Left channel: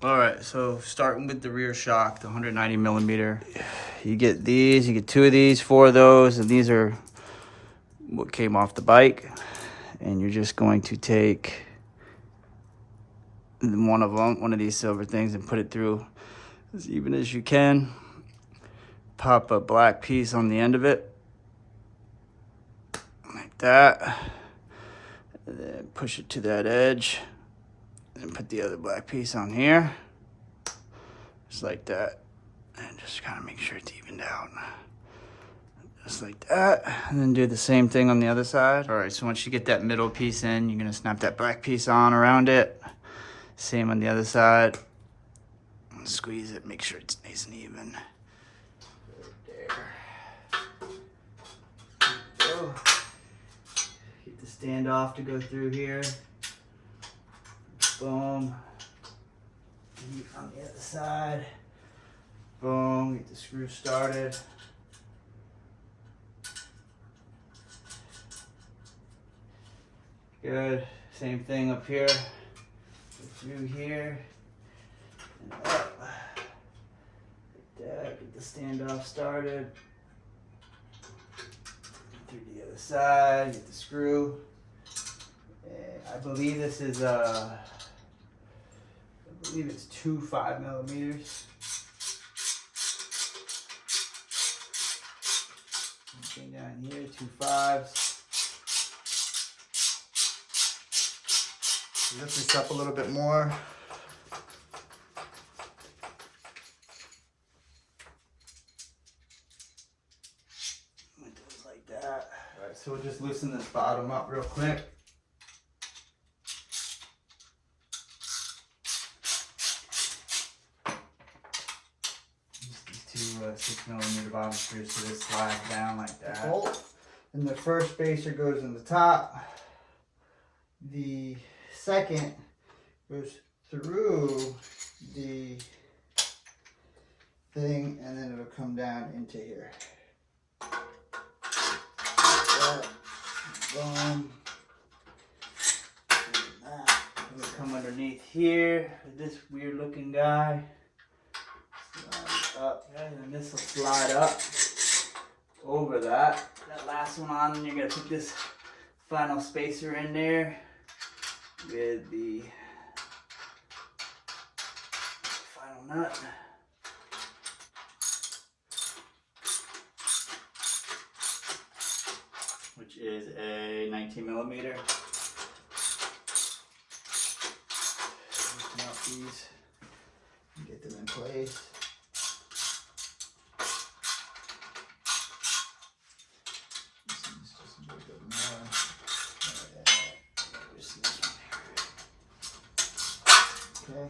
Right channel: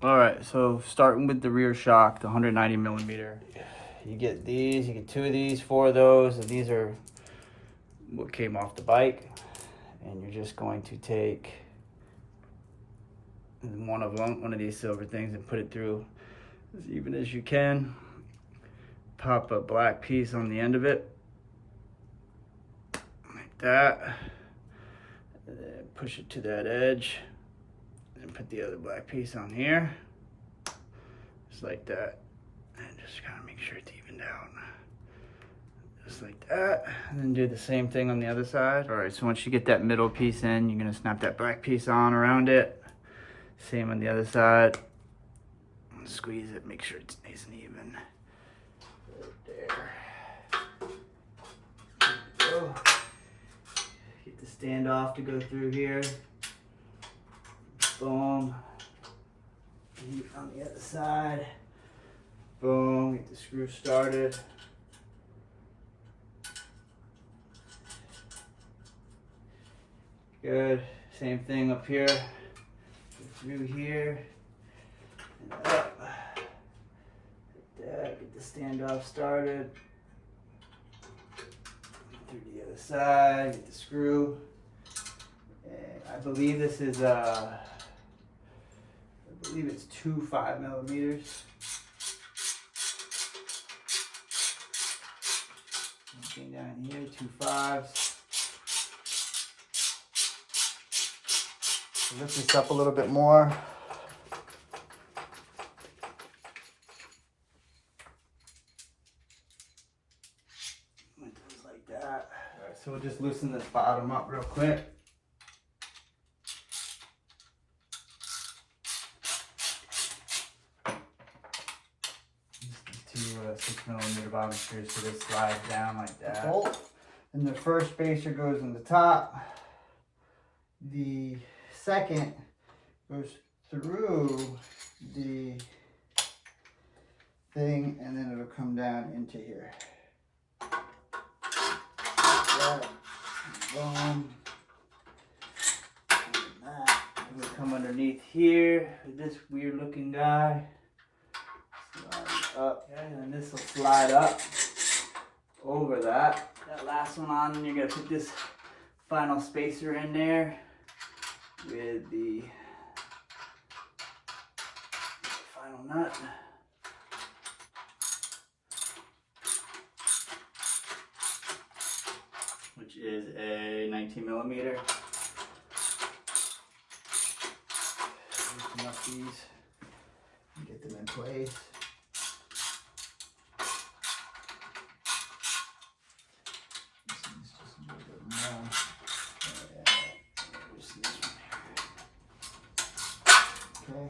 All right, so starting with the rear shock, the 190 millimeter. You get these, you get 2 of these, 4 of those, and these are what came off the bike. And you're just going to take one of these silver things, and put it through as even as you can. Pop a black piece on the end of it, like that. And then push it to that edge, and put the other black piece on here, just like that. And just kind of make sure it's evened out. Just like that. And then do the same thing on the other side. All right, so once you get that middle piece in, you're gonna snap that black piece on around it. Same on the other side. Squeeze it, make sure it's nice and even. Right there. Go. Get the standoff to go through here. Boom. Heat on the other side. Boom, get the screw started. Good. Same thing up here. Go through here. And up. Like that. Get the standoff started. Through the other side. Get the screw. And I believe this is I believe it's 2 5 millimeters. Something down here, 2 5s. Lift this up a little bit more. It goes like that. All right, so we'll just loosen this bottom up real quick. These 2 6 millimeter bottom screws, so this slides down like that. Bolt. And the first spacer goes in the top. The second goes through the thing, and then it'll come down into here. Like that. Boom. It'll come underneath here with this weird looking guy. Slide up, and then this will slide up over that. That last one on, you're gonna put this final spacer in there with the final nut. Which is a 19 millimeter. Loosen up these and get them in place. Okay.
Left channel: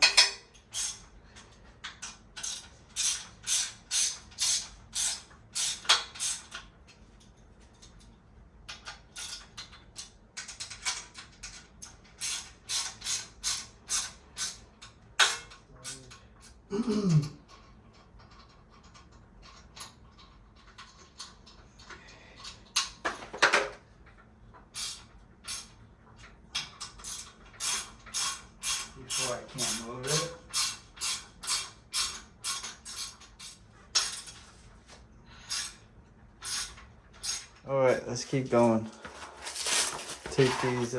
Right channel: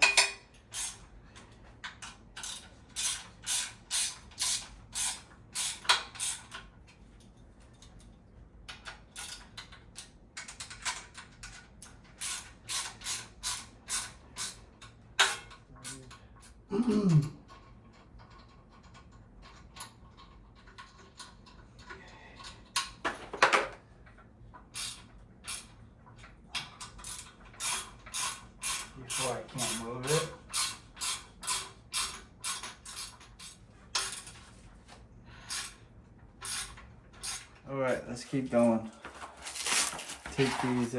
Before I can't move it. All right, let's keep going. Take these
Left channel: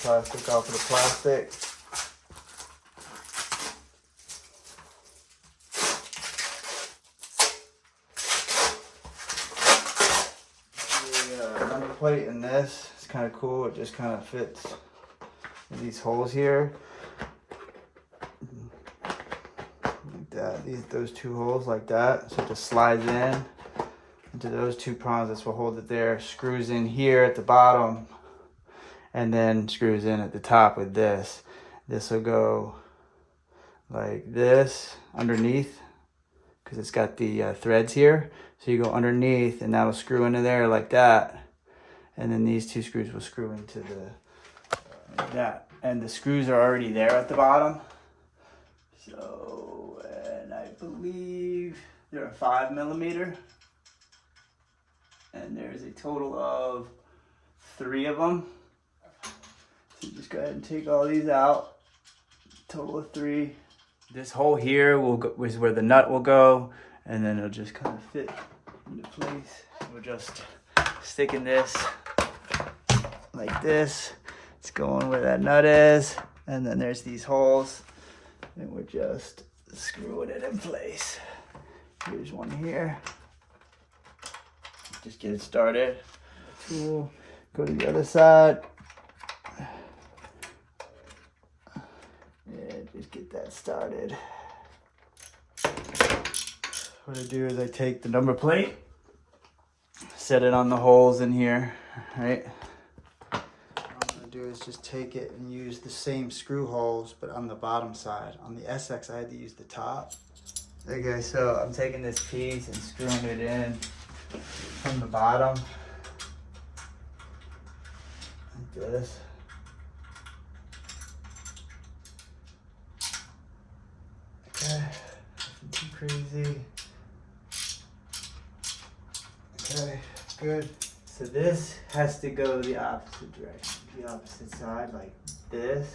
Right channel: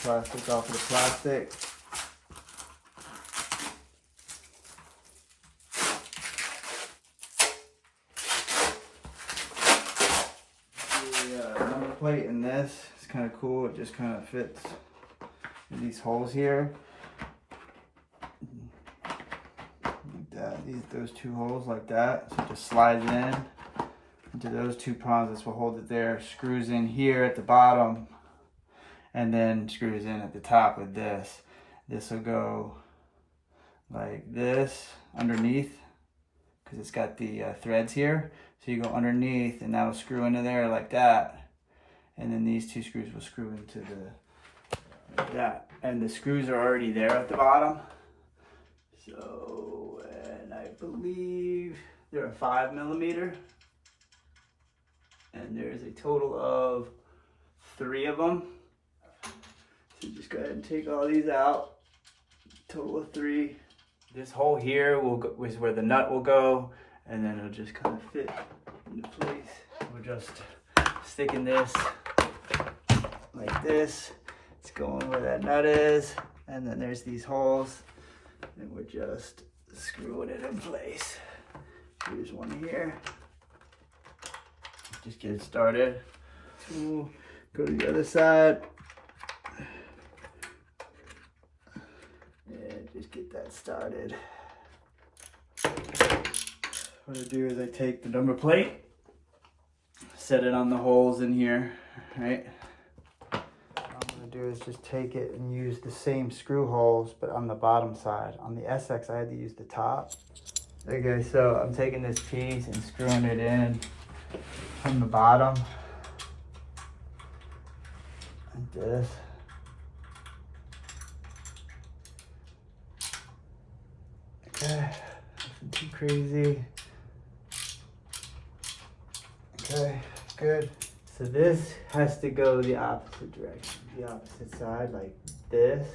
plastic off of the plastic. The number plate in this is kind of cool. It just kind of fits in these holes here. Like that. Those 2 holes like that. So it just slides in into those 2 prongs. This will hold it there. Screws in here at the bottom, and then screws in at the top with this. This will go like this underneath, because it's got the threads here. So you go underneath, and that'll screw into there like that. And then these 2 screws will screw into the like that. And the screws are already there at the bottom. So, and I believe they're a 5 millimeter. And there's a total of 3 of them. So just go ahead and take all these out. total of 3. This hole here is where the nut will go, and then it'll just kind of fit into place. We'll just stick in this like this. It's going where that nut is, and then there's these holes, and we're just screwing it in place. Here's one here. Just get it started. Tool, go to the other side. Yeah, just get that started. What I do is I take the number plate, set it on the holes in here, right? What I'm gonna do is just take it and use the same screw holes, but on the bottom side. On the SX, I had to use the top. Okay, so I'm taking this piece and screwing it in from the bottom, like this. Okay, nothing too crazy. Okay, good. So this has to go the opposite direction, the opposite side, like this.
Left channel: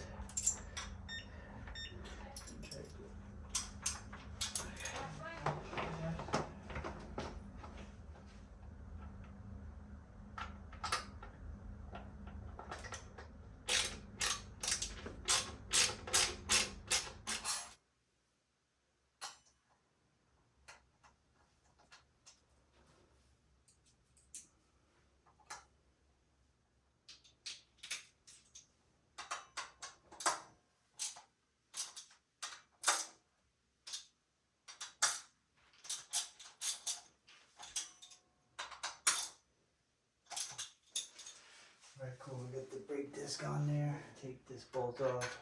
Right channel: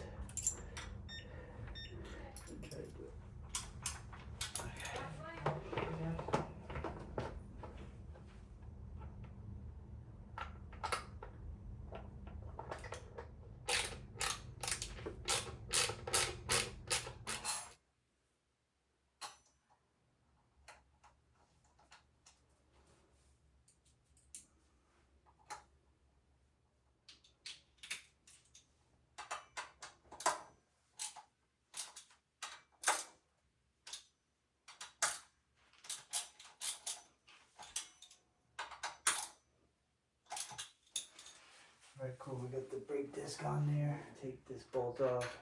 Alright, cool, we got the brake disc on there. Take this bolt off.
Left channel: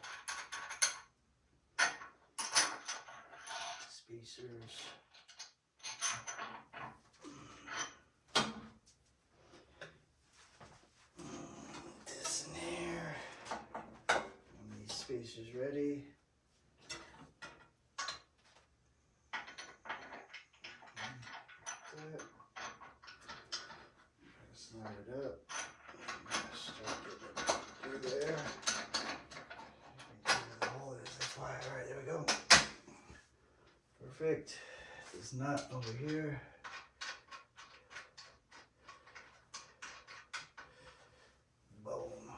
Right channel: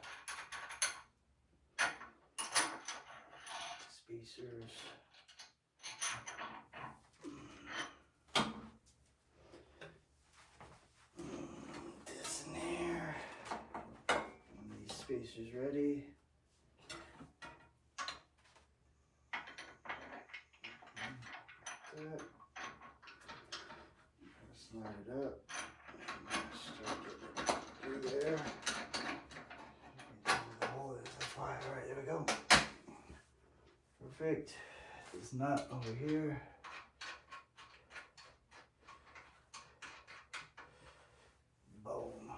Spacers. This in here. And these spacers ready. Slide it up. There. The hole is, that's why. Alright, there we go. Perfect. This nut over here. Boom.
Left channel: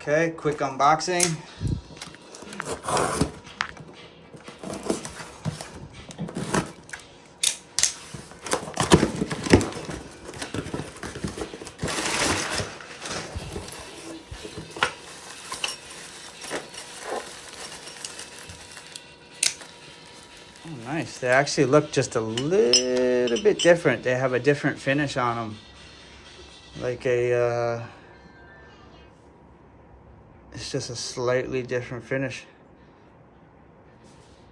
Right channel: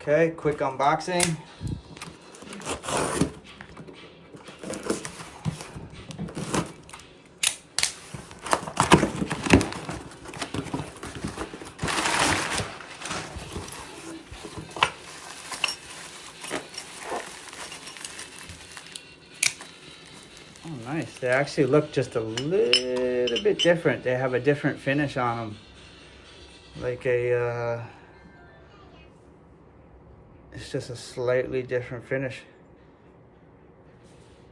Okay, quick unboxing. Oh, nice. They actually look just a little bit different. They have a different finish on them. Like a, it's just a slightly different finish.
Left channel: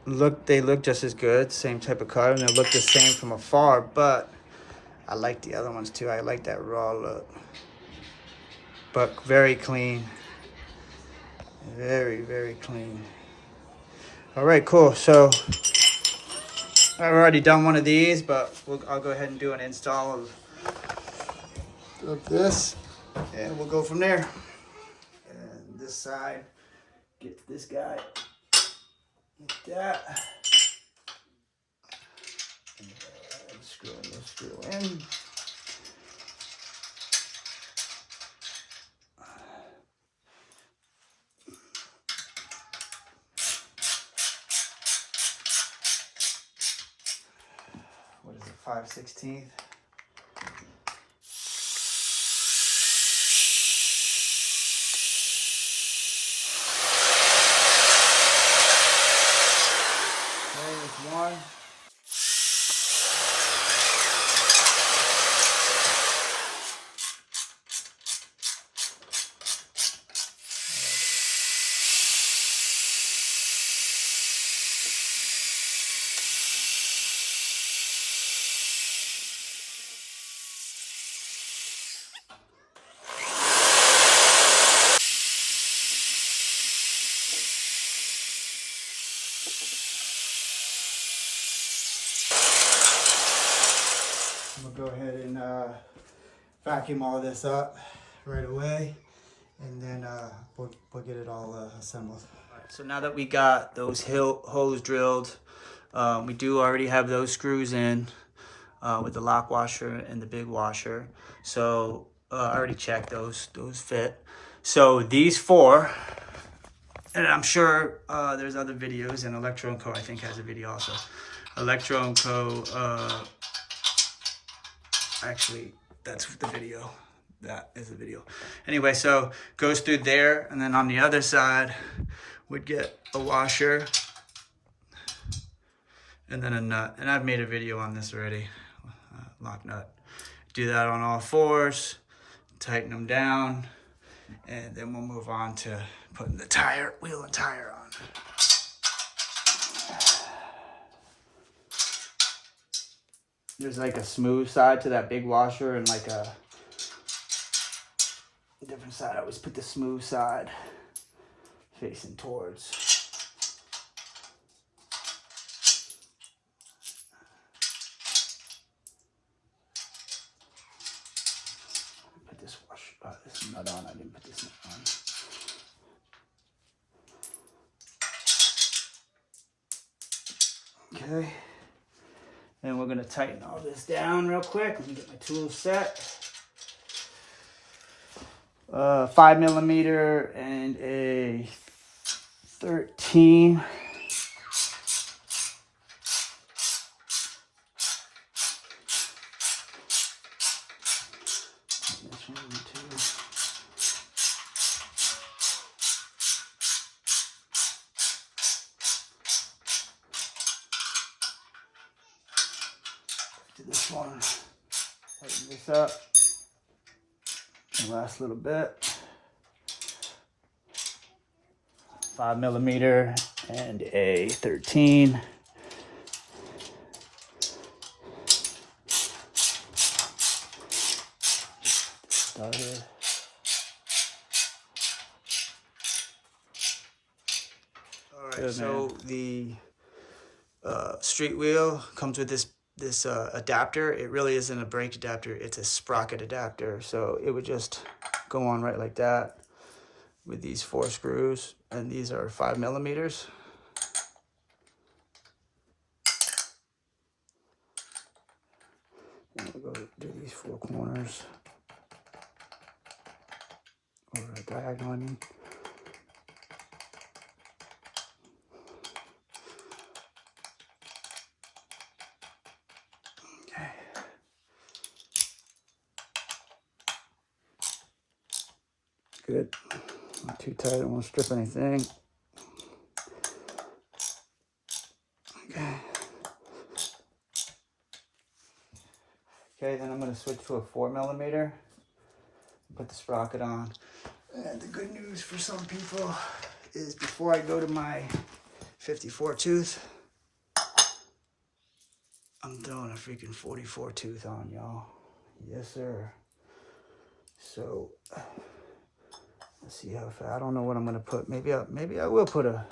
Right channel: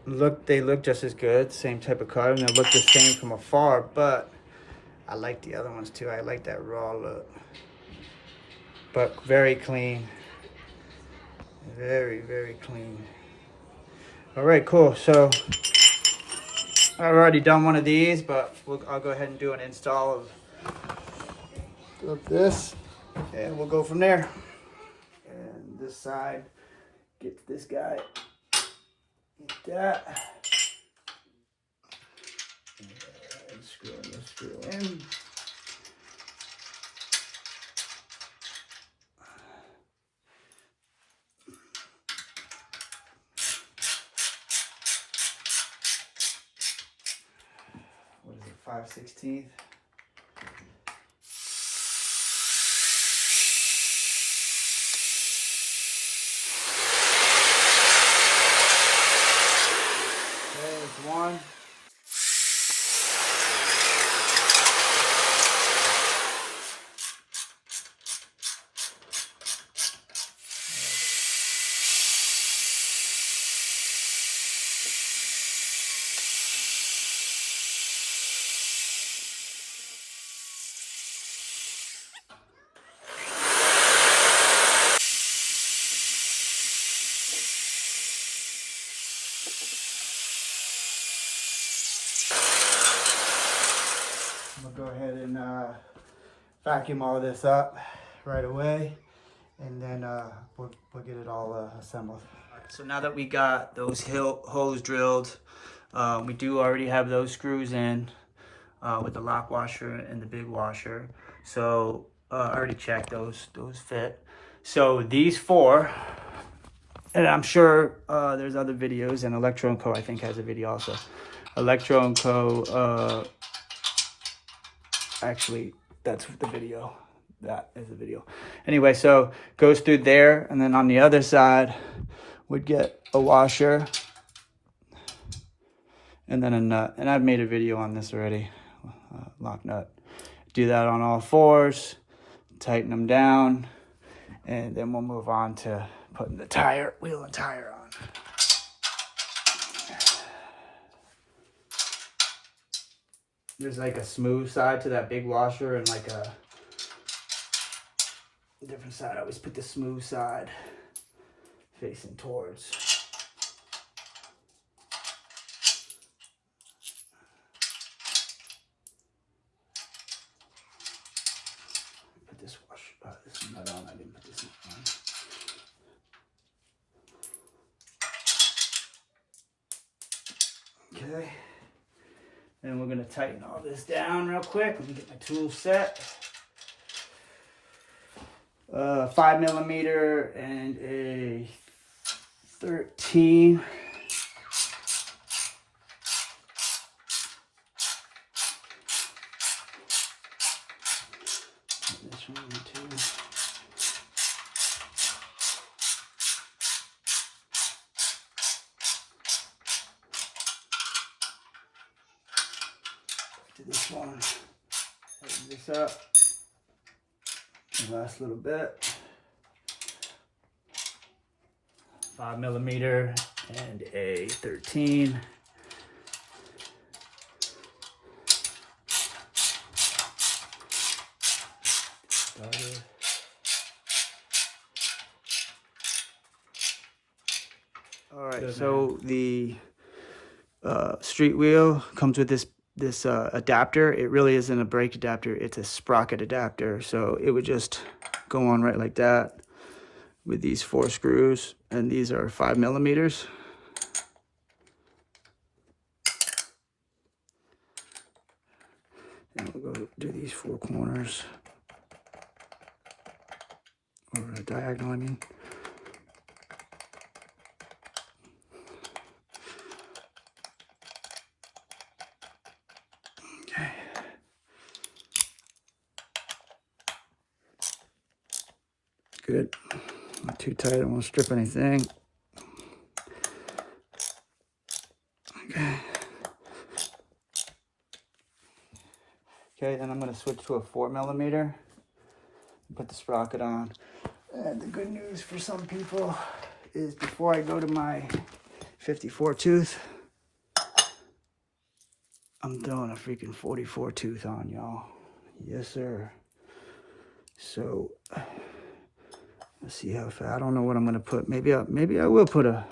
They look just as good, same type of color, and they look the same from afar, but I like the other ones too. I like that raw look. But very clean. Very, very clean. All right, cool. So I've already done one of these, but I'll go ahead and do an install of this, and we'll go from there. And this side, get this guy like that. And screw in. What is it, 5/16? There's one. can vacuum all this up right away, and then we'll get it all assembled. So now that we got those holes drilled, we do already have those screws in with the lock washer and the big washer. So I already checked those fit. So these four, and I'm sure there's other videos, and Electro & Co. I think has a video also. Electro & Co. Actually, that's the video. That is the video. Anyway, so goes through there, and then on the other side, we'd get a washer, and then a nut. And I've made a video on this already, lock nut. Do that on all fours, tighten them down, and then we'll move on to putting the wheel and tire on. There's like a smooth side to that big washer and like a different side. I always put the smooth side facing towards. Put this this nut on. I didn't put this nut on. Okay. Then we're gonna tighten all this down real quick. Let me get my tools set. 5mm and a 13. This one too. To this one. Tighten this up. The last little bit. 5mm and a 13. Started. All right, so the street wheel comes with this adapter. It really isn't a brake adapter, it's a sprocket adapter. So it would just go on right like that with these 4 screws, and these are 5mm. And we'll go do these 4 corners, over the diagonal, I mean. Okay. Good. Not too tight, I don't want to strip anything. Okay. Okay, then I'm going to switch to a 4mm and put the sprocket on. And the good news for some people is before I go to my 54 tooth, I'm throwing a freaking 44 tooth on, y'all. Yes, sir. So let's see how far. I don't know what I'm gonna put. Maybe I will put a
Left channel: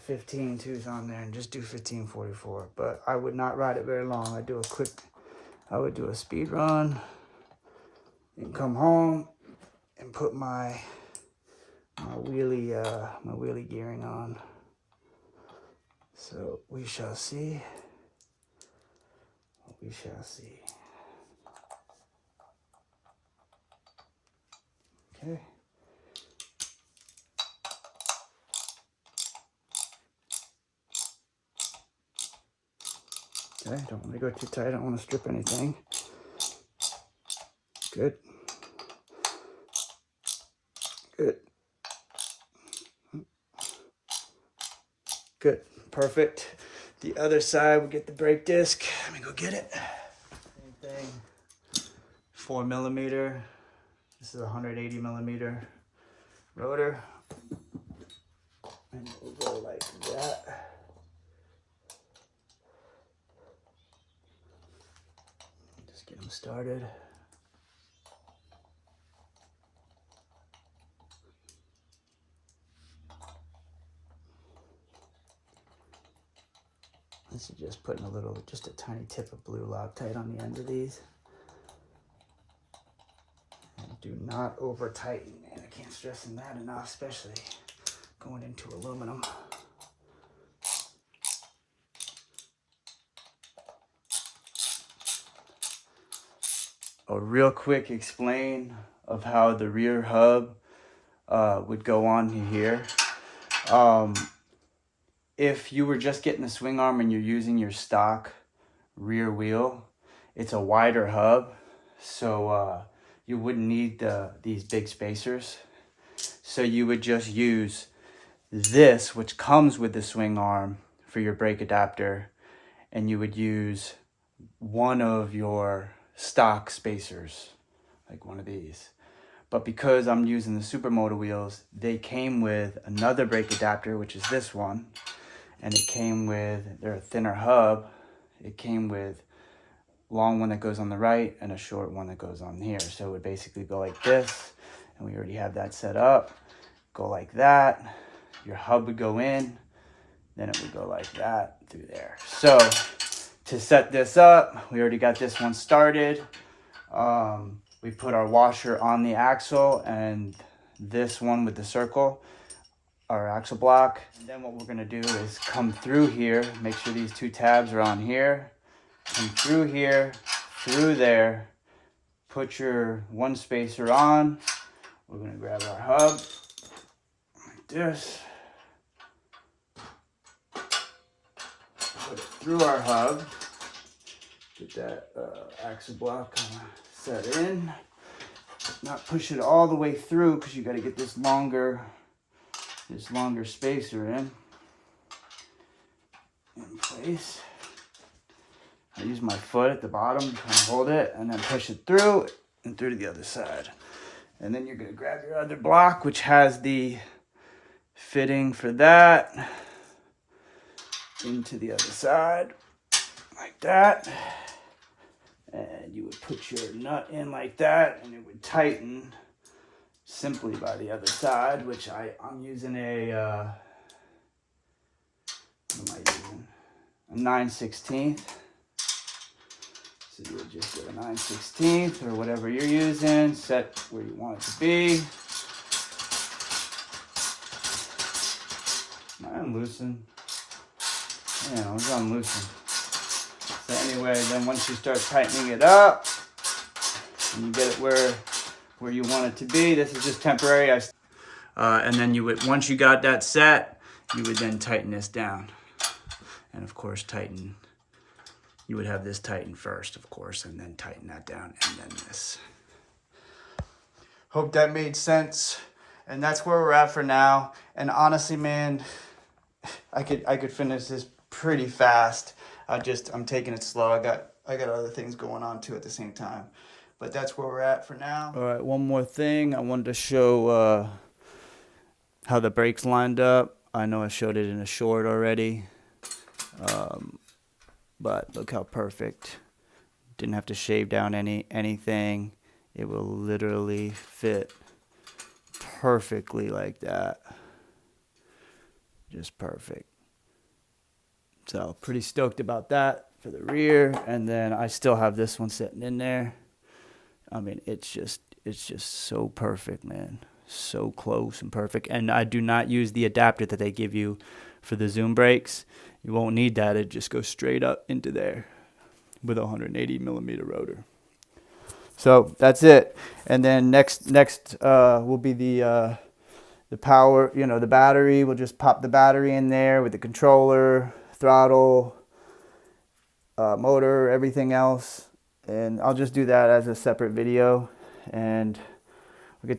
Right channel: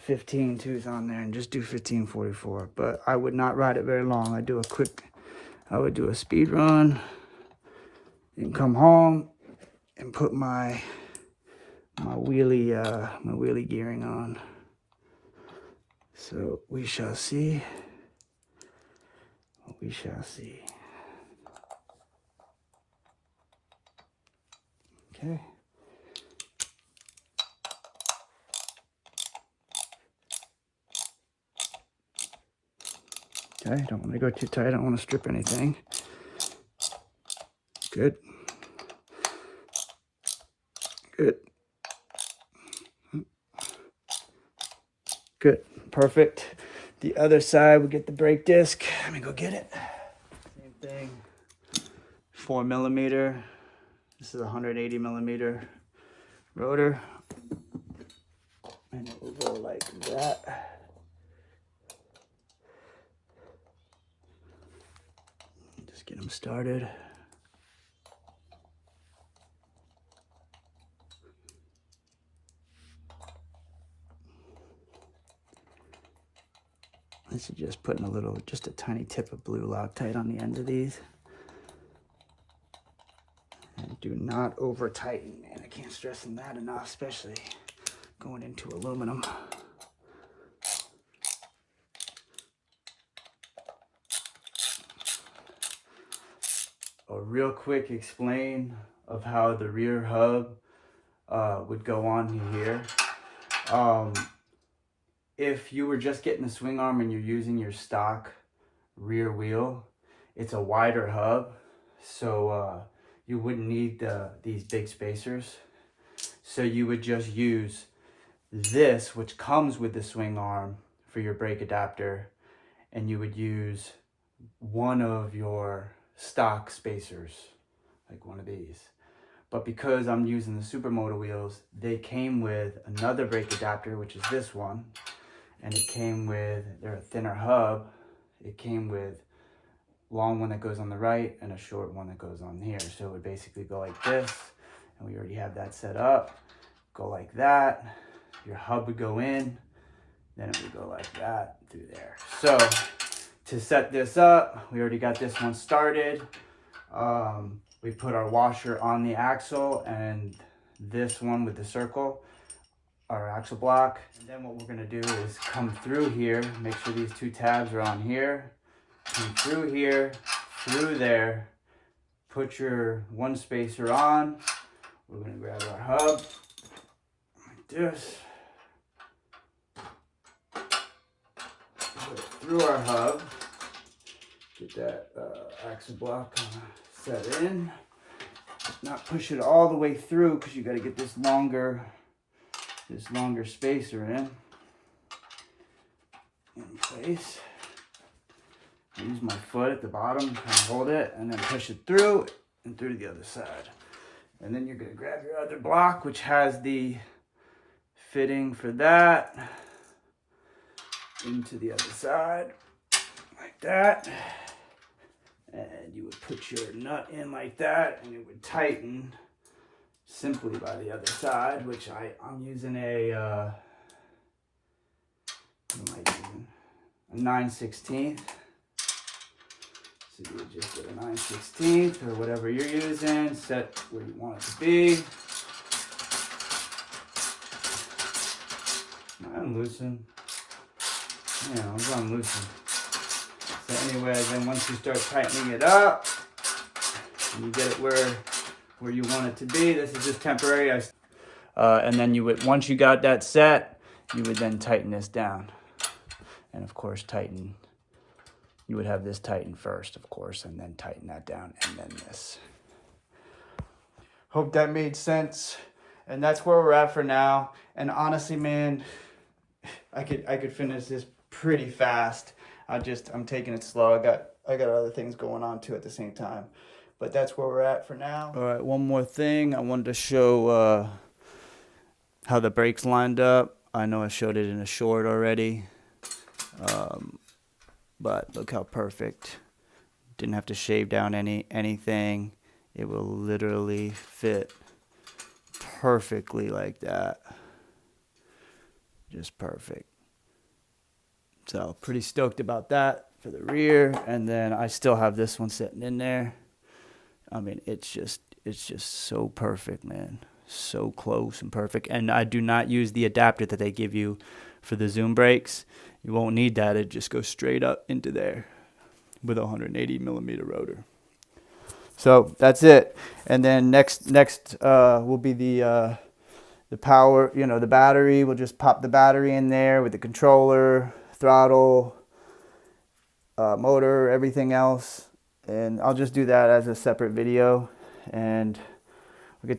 15 tooth on there and just do 1544. But I would not ride it very long. I would do a speed run and come home and put my wheelie gearing on. So we shall see. We shall see. Okay. Okay, don't want to go too tight. I don't want to strip anything. Good. Good. Good. Perfect. The other side, we get the brake disc. Let me go get it. Same thing. 4mm. This is a 180mm rotor. And it will go like that. Just get them started. This is just putting just a tiny tip of blue Loctite on the end of these. Do not over tighten, and I can't stress on that enough, especially going into aluminum. A real quick explain of how the rear hub would go on here. If you were just getting the swing arm and you're using your stock rear wheel, it's a wider hub, so you wouldn't need these big spacers. So you would just use this, which comes with the swing arm, for your brake adapter, and you would use one of your stock spacers, like one of these. But because I'm using the SuperMoto wheels, they came with another brake adapter, which is this one, and it came with, they're a thinner hub. It came with long one that goes on the right and a short one that goes on here. So it would basically go like this, and we already have that set up. Go like that. Your hub would go in, then it would go like that through there. So to set this up, we already got this one started. We put our washer on the axle, and this one with the circle, our axle block. And then what we're gonna do is come through here, make sure these two tabs are on here, come through here, through there, put your one spacer on. We're gonna grab our hub, like this, put it through our hub, get that axle block set in. Not push it all the way through, because you got to get this longer spacer in place. I use my foot at the bottom to kind of hold it, and then push it through and through to the other side. And then you're going to grab your other block, which has the fitting for that, into the other side like that. And you would put your nut in like that, and it would tighten simply by the other side, which I'm using a, what am I using? A 9/16. So you would just get a 9/16 or whatever you're using, set where you want it to be. I'm loosened. Yeah, I'm gonna loosen. So anyway, then once you start tightening it up, and you get it where you want it to be, this is just temporary. And then you would, once you got that set, you would then tighten this down. And of course tighten, you would have this tighten first, of course, and then tighten that down, and then this. Hope that made sense. And that's where we're at for now. And honestly, man, I could finish this pretty fast. I'm taking it slow. I got other things going on too at the same time. But that's where we're at for now. All right, one more thing. I wanted to show how the brakes lined up. I know I showed it in a short already. But look how perfect. Didn't have to shave down anything. It will literally fit perfectly like that. Just perfect. So pretty stoked about that for the rear. And then I still have this one sitting in there. I mean, it's just so perfect, man. So close and perfect. And I do not use the adapter that they give you for the zoom brakes. You won't need that. It just goes straight up into there with a 180 millimeter rotor. So that's it. And then next will be the power, the battery. We'll just pop the battery in there with the controller, throttle, motor, everything else. And I'll just do that as a separate video, and we'll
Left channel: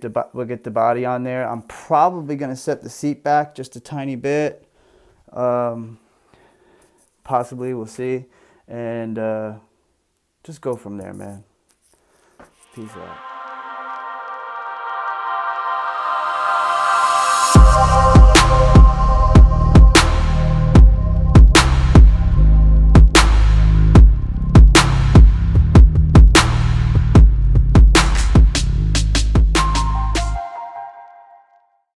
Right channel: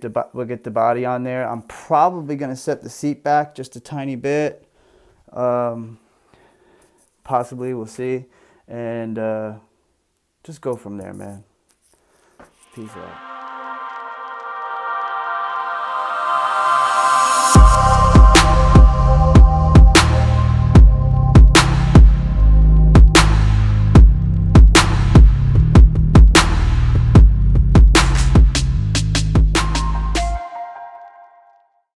get the body on there. I'm probably going to set the seat back just a tiny bit. Possibly, we'll see. And just go from there, man. Peace out.